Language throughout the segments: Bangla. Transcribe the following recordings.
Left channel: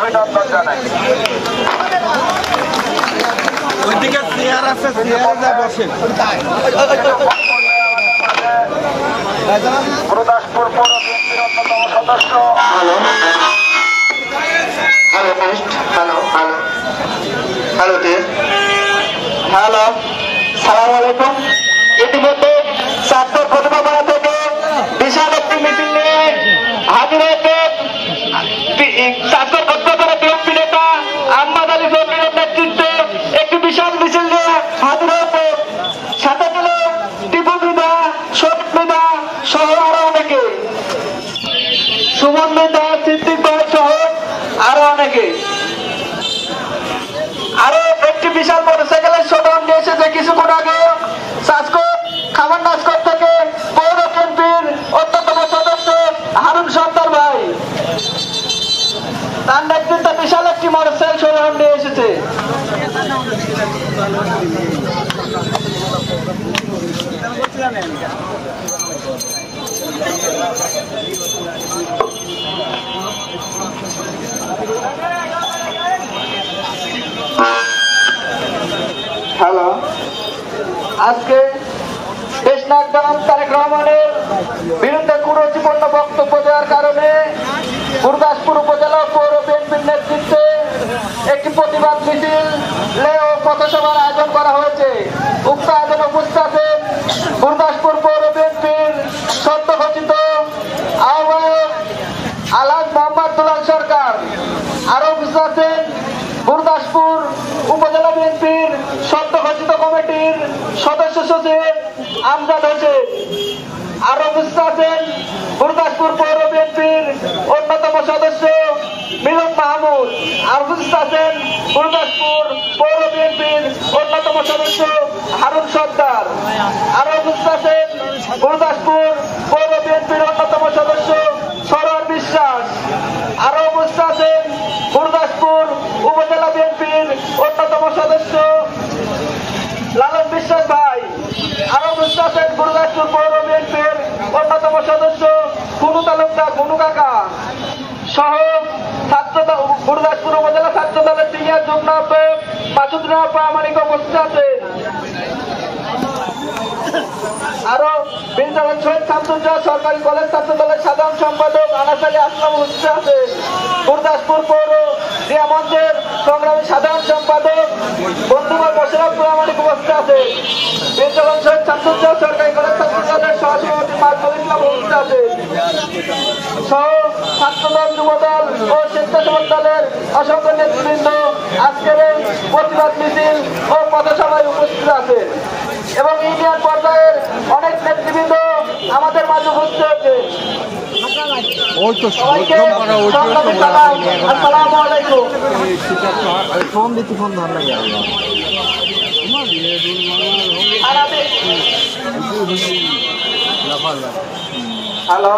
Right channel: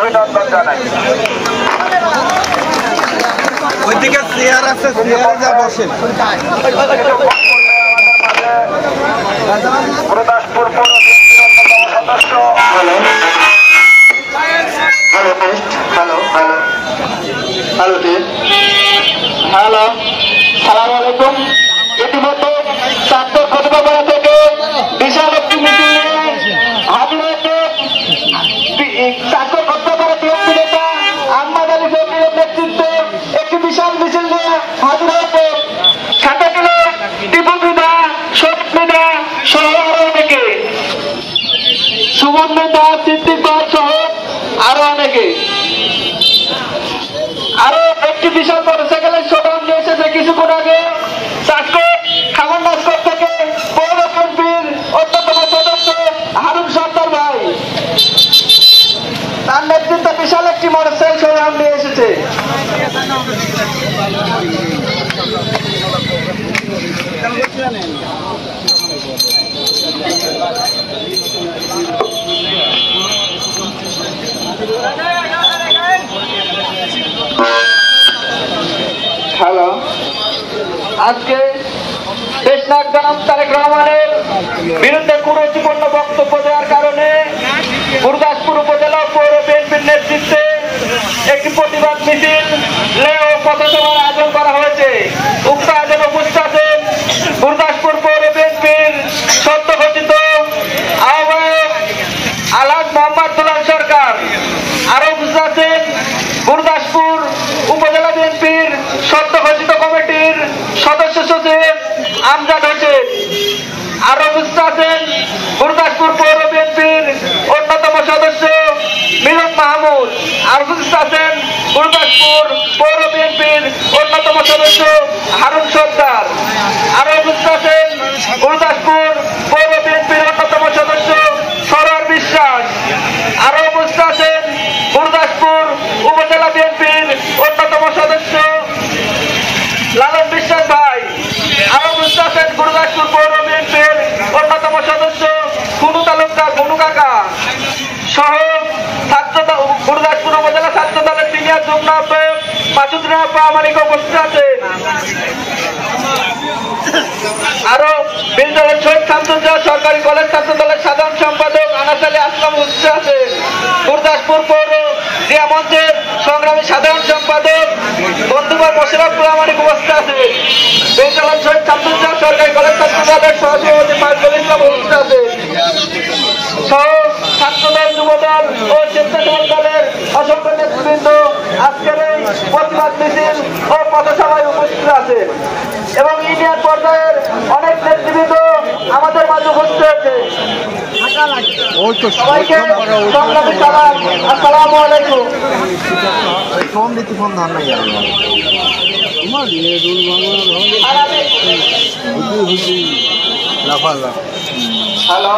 অভিনন্দন জানাই। ওইদিকে চেয়ার আছে, চেয়ারে যা বসেন। গুরুদাসপুর পৌর বিএনপির অন্যতম সদস্য। Hello test, hello hello hello test, hello, সালাম আলাইকুম। ইতিমধ্যে চাঁদপুর প্রতিভাপাড়া থেকে বিশাল একটি মিছিল নিয়ে হাজির হয়েছে চাঁদপুর প্রতিভাপাড়া বিএনপি নেতা আহমদ আলী ফকিরের নেতৃত্বে একটি বিশাল মিছিল নিয়ে হাজির হয়েছে। সাথে ছিল টিপু মৃধা, শোক মৃধা সহ আরো অনেকে, সুমন মৃধা, সিদ্দিক সহ আরো অনেকে। আরো একটি বিশাল মোটরসাইকেলের শোডাউন নিয়ে এসেছে কিছুক্ষণ আগে খামার নাস্কর থেকে পৌর বিএনপির অন্যতম সদস্য হারুন সর্দার ভাই, তার নেতৃত্বে বিশাল একটি মোটরসাইকেল শোডাউন নিয়ে এসেছে। হ্যালো, আজকে দেশনায়ক জনাব তারেক রহমানের বিরুদ্ধে কুরুচিপূর্ণ বক্তব্য দেওয়ার কারণে গুরুদাসপুর উপজেলা পৌর বিএনপির নেতৃত্বে একটি প্রতিবাদ মিছিল ও পথসভার আয়োজন করা হয়েছে। উক্ত আয়োজনে উপস্থিত আছেন গুরুদাসপুর পৌর বিএনপির সদ্য ঘোষিত আহ্বায়ক আলহাজ মোহাম্মদ দুলাল সরকার, আরো উপস্থিত আছেন গুরুদাসপুর উপজেলা বিএনপির সদ্য ঘোষিত কমিটির সদস্য সচিব আমজাদ হোসেন, আরো উপস্থিত আছেন গুরুদাসপুর পৌর বিএনপির অন্যতম সদস্য মিলন মাহমুদ, আরো উপস্থিত আছেন গুরুদাসপুর পৌর বিএনপির অন্যতম সদস্য হারুন সর্দার, আরো উপস্থিত আছেন গুরুদাসপুর পৌর বিএনপির অন্যতম সদস্য সরোয়ার বিশ্বাস, আরো উপস্থিত আছেন গুরুদাসপুর উপজেলা বিএনপির অন্যতম সদস্য লালন বিশ্বাস ভাই, আরো উপস্থিত আছেন গুরুদাসপুর পৌর বিএনপির অন্যতম সদস্য কুনু তালুকদার কুনু কাকা সহ গুরুদাসপুর উপজেলা ছাত্র দলের সিনিয়র যুগ্ম আহ্বায়ক মাসুদ রাব্বা আমানিক উপস্থিত আছেন। আরো বিলদলের শহীদ শামসুজ্জামান সরকারি কলেজ ছাত্র দলের সাধারণ সম্পাদক আনাস আলী আসলাম উপস্থিত আছেন। গুরুদাসপুর পৌর ক্রীড়া মঞ্চের সংগ্রামী সাধারণ সম্পাদক বন্ধুভাই মোশাররফুল আমানিক উপস্থিত আছেন। বিলদলের শহীদ শামসুজ্জামান সরকারি কলেজ ছাত্র দলের সহসভাপতি মাইজুল ইসলাম উপস্থিত আছেন সহ ছাত্রদল, যুবদল ও স্বেচ্ছাসেবক দলের অসংখ্য নেতৃবৃন্দ আজকের এই প্রতিবাদ মিছিল ও পথসভায় উপস্থিত আছে এবং ইউনিয়ন পর্যায়ের অনেক নেতৃবৃন্দ আমাদের মাঝে উপস্থিত হয়েছে। আসসালামু আলাইকুম। হ্যালো,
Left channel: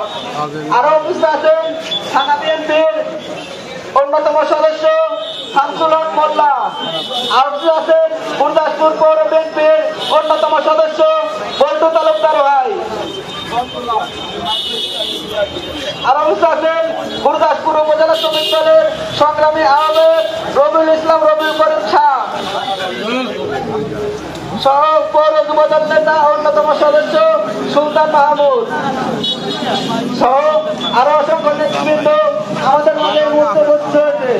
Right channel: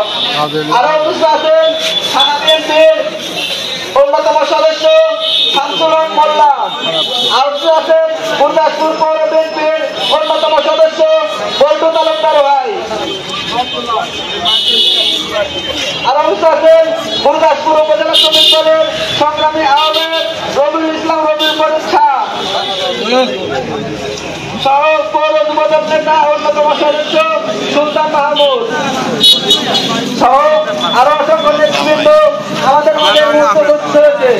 আরো উপস্থিত আছেন থানা বিএনপির অন্যতম সদস্য শামসুল হক মোল্লা, আরো উপস্থিত আছেন গুরুদাসপুর পৌর বিএনপির অন্যতম সদস্য বল্টু তালুকদার ভাই, আরো উপস্থিত আছেন গুরুদাসপুর উপজেলা শ্রমিক দলের সংগ্রামী আহমেদ রবিউল ইসলাম রবিউল করিম খাঁ সহ পৌর যুবদল নেতা অন্যতম সদস্য সুলতান মাহমুদ সহ আরো অসংখ্য নেতৃবৃন্দ আমাদের মাঝে উপস্থিত হয়েছে।